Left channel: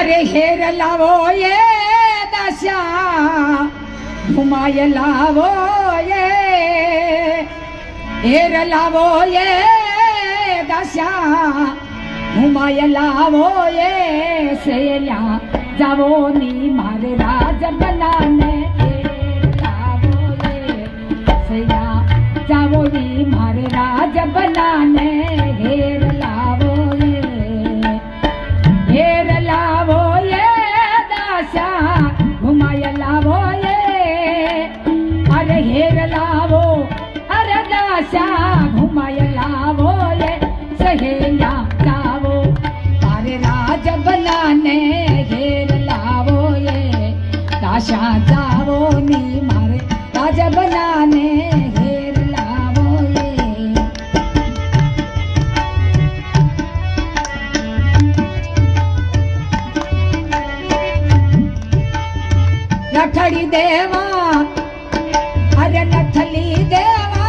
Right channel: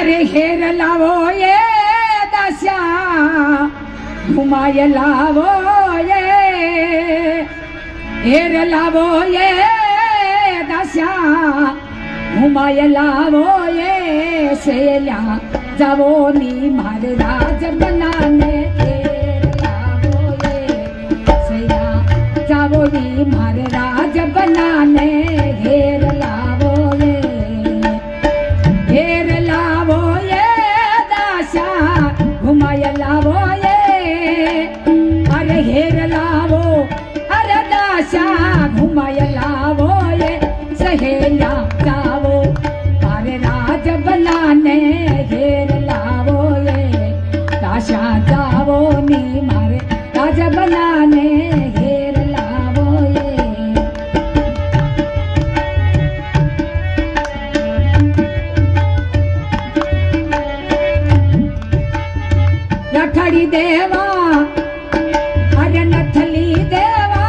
अरे हेर लावो ये दशा घुमाए लावो ये हेर लावो ये दशा घुमाए लावो ये सेल्या जावो नी मारे राज बनाने लावो ये सेल्या जावो नी मारे राज बनाने हेर लावो ये हेर लावो ये दशा घुमाए लावो ये अरे हेर लावो अरे दशा घुमाए लावो ये सहेलिया जावो मारे राज बनाने हेर लावो ये दशा जावो नी मारे राज बनाने हेर लावो ये रखड़ी देवा अरे नथली देवा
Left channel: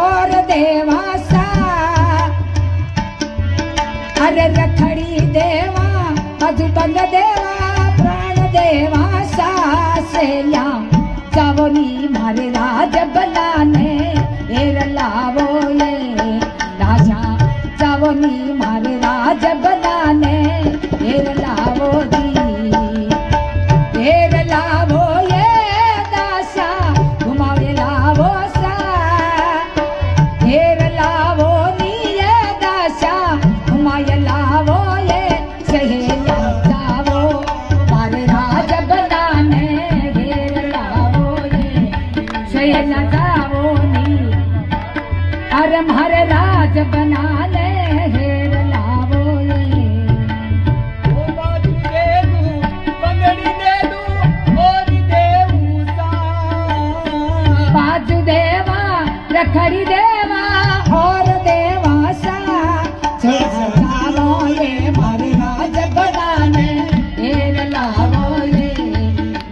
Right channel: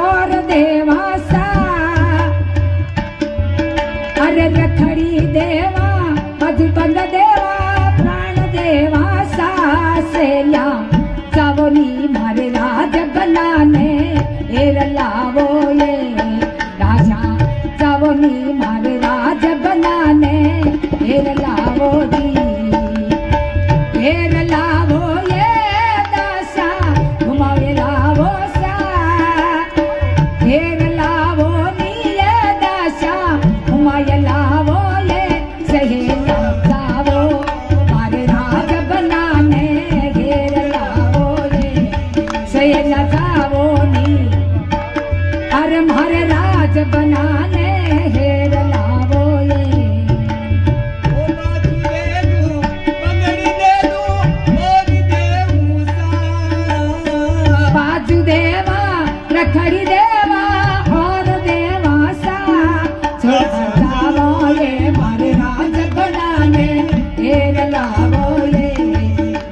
और देवा सा अरे रखड़ी देवा मधुबंद देवा प्राण देवा सा सेल्या जावो नी मारे राज बनाने हेर लावो ये राजा जावो नी मारे राज बनाने हेर लावो दी हेर लावो ये दशा घुमावे लावो सा हेर लावो नी ये दशा घुमाए लावो ये सहेलिया जावो मारे राज बनाने हेर लावो ये सहेलिया जावो नी अरे मारे राज बनाने हेर लावो ये बाजू देवा रखड़ी देवा और देवा सा जावो ये मारे राज बनाने हेर लावो ये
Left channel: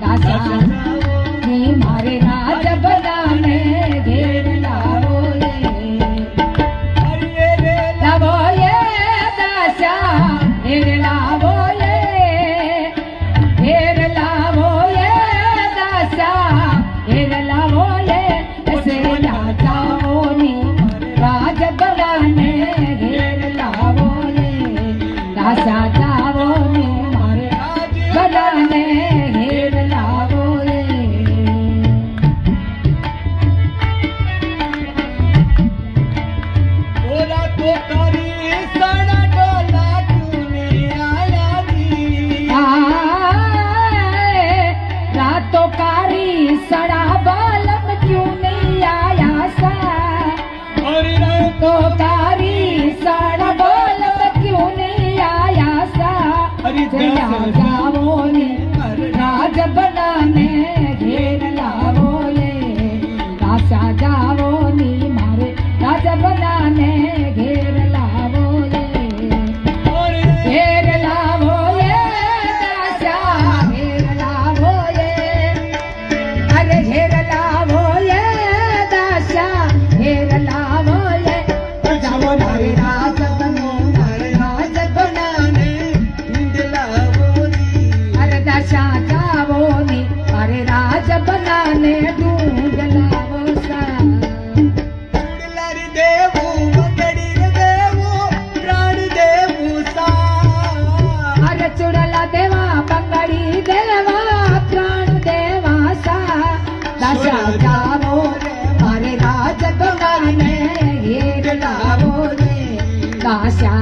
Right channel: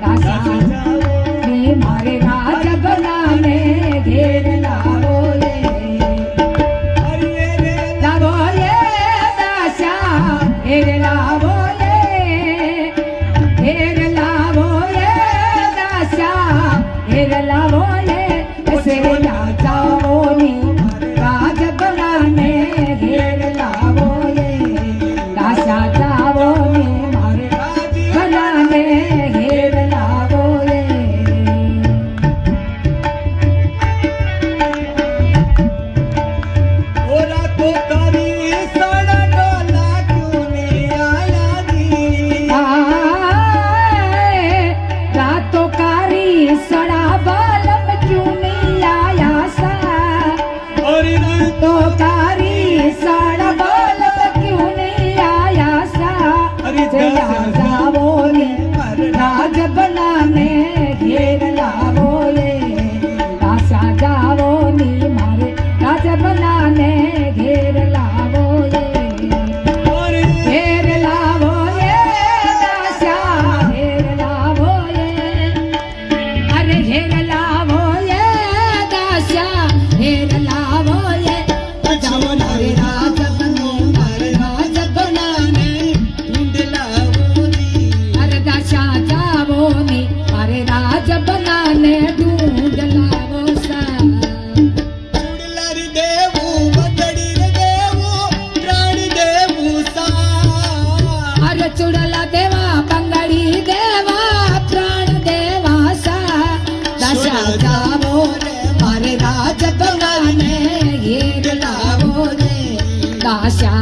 दासा नी मारे राज बनाने हेर लावो ये लावो ये दासा हेर लावो ये हेर लावो ये दासा हेर लावो ये सेल्या जावो नी राज बनाने हेर लावो ये दासा जावो नी मारे राज बनाने हेर लावो ये ओला तो करी सड़ा डोला क्यों नहीं आया दी आए रातों कारी सड़ा बालम क्यों नहीं आया सा और तो कारी सड़ा बालम क्यों नहीं आया सा अरे सेल्या जावो नी राज बनाने घेर लावो ये दासा जावो नी मारे राज बनाने घेर लावो ये और हेर लावो ये दासा हेर लावो ये अरे हेर लावो ये दासा हेर लावो ये जावो मारे राज बनो मारे राज बनाने ढूंढलावो दी अरे दासा जावो नी मारे राज बनाने ढूंढ लावो सा ढूंढलारी देवू बदड़ी रे देवू प्राण देवू सा अरे चुड़ला देवा बंगड़ी देवा प्राण देवा सा दशा जावो मारे राज बनाने हेर लावो रे दासा